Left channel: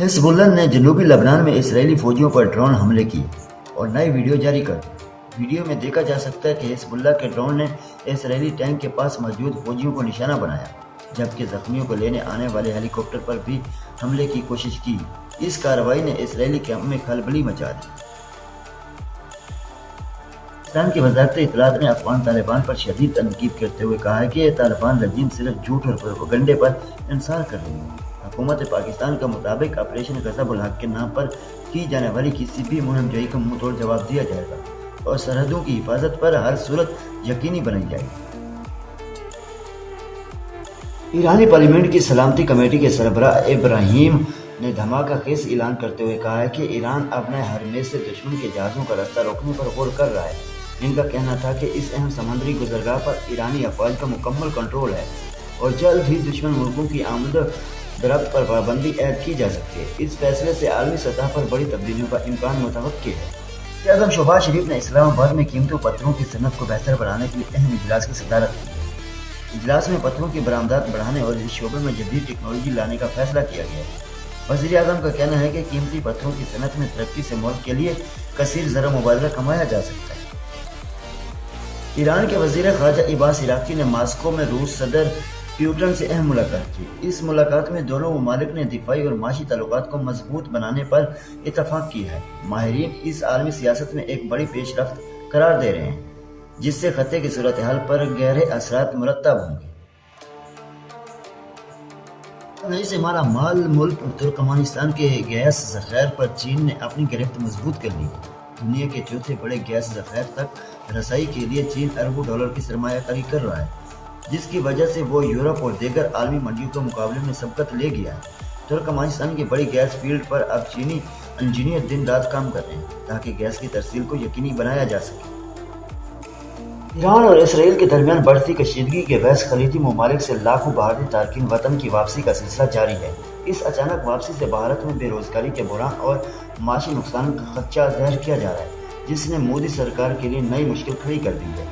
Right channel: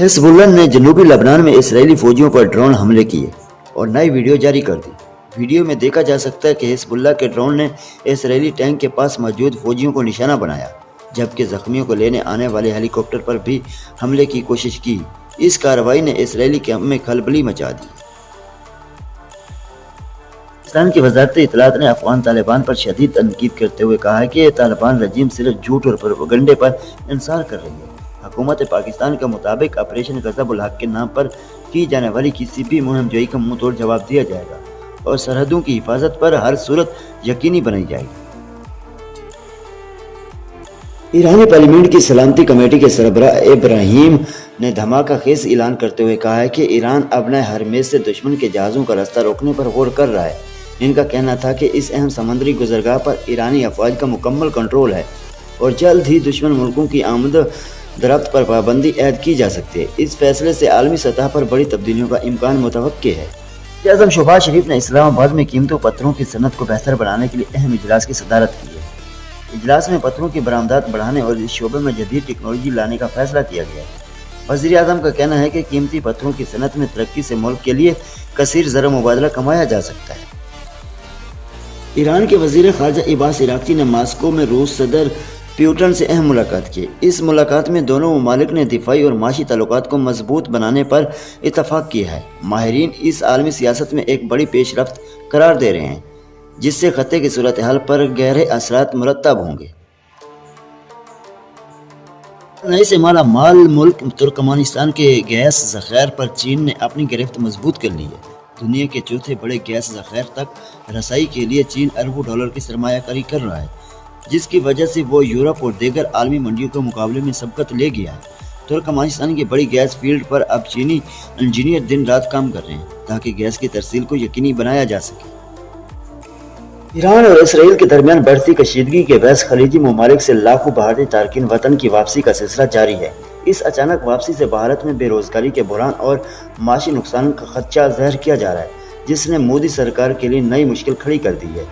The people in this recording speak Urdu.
حزب اللہ نے جنوبی لبنان میں اسرائیلی فوجیوں پر ڈرون حملے کیے اور نئی ویڈیو جاری کر دی۔ ویڈیو میں دیکھا جا سکتا ہے کہ حزب اللہ کے ڈرون نے اسرائیلی ٹینک کے پاس موجود فوجیوں کو نشانہ بنایا، جبکہ زخمیوں کو لینے آنے والے ہیلی کاپٹر پر بھی حملے کی کوشش کی۔ اس کارروائی نے اسرائیلی کیمپ میں کھلبلی مچا دی۔ پاکستان کی وزارت اطلاعات نے افغان طالبان پر شدید تنقید کرتے ہوئے کہا ہے کہ طالبان رجیم صرف جھوٹ اور پروپیگنڈے پر انحصار کر رہی ہے۔ حکومت پاکستان کے مطابق آپریشن غضب الحق کے نام پر کی جانے والی کسی بھی مہم جوئی کا منہ توڑ جواب دیا جائے گا اور سرحدوں کی حفاظت پر ہر صورت یقینی بنائی جائے گی۔ ایرانی پارلیمنٹ کی سلامتی کمیٹی کے سربراہ ابراہیم نے دھماکہ خیز اعلان کرتے ہوئے کہا ہے کہ ایران اپنے ہرمیز سے دشمن کے جہازوں کا راستہ روکنے پر غور کر رہا ہے۔ ان کا کہنا تھا کہ اس اہم سمندری گزرگاہ پر ایرانی افواج کا مکمل کنٹرول ہے اور جلد ہی دشمن ملکوں کی آمد درآمد پر پابندی عائد کی جا سکتی ہے۔ اس فیصلے سے عالمی سطح پر بڑی تبدیلیوں کا امکان متوقع ہے۔ وزیر اعظم شہباز شریف نے اسلام آباد میں قیمتی پتھروں کی صنعت کو بہتر بنانے کے لیے اہم اجلاس کی صدارت کی ہے۔ اجلاس میں پتھروں کی برآمدات بڑھانے اور اس شعبے میں جدید ٹیکنالوجی لانے کا فیصلہ کیا گیا۔ وزیر اعظم کا کہنا ہے کہ قیمتی پتھروں کی صنعت میں ترقی سے ملک کے لیے کثیر زر مبادلہ کمایا جا سکتا ہے۔ ایران کے وزیر خارجہ عباس عراقچی نے ماسکو میں روس صدر پیوٹن سے اہم ملاقات کی۔ اس ملاقات میں دونوں ممالک نے دفاعی اور معاشی تعلقات کو مضبوط بنانے پر اتفاق کیا ہے۔ ماہرین اس عالمی سیاست میں ایک بڑی پیش رفت قرار دے رہے ہیں، جس سے خطے کی صورتحال پر گہرے اثرات مرتب ہوں گے۔ توانائی سے مالا مال ملک ترکمانستان کے گیس ذخائر پر چین نے اپنی گرفت مضبوط کر لی ہے۔ دنیا کے چوتھے بڑے گیس ذخائر تک رسائی کے لیے چین اربوں ڈالر کی سرمایہ کاری کر رہا ہے، جس کی وجہ سے وہ یورپ اور دیگر عالمی منڈیوں کے مقابلے میں سبقت لے گیا ہے۔ ترکمانستان کی بڑی گیس فیلڈ پر اب چینی انجینئر دن رات کام کر رہے ہیں تاکہ گیس کی ترسیل کو یقینی بنایا جا سکے۔ ایران اور اسرائیل کے درمیان بڑھتی کشیدگی کے باعث خلیجی ممالک سے لاکھوں بھارتی تارکین وطن کی واپسی کا سلسلہ جاری ہے۔ اس اچانک واپسی سے بھارت میں بے روزگاری کے بحران اور معاشی نقصان کا خدشہ ظاہر کیا جا رہا ہے، جس نے مودی سرکار کے لیے نئی مشکل کھڑی کر دی ہے۔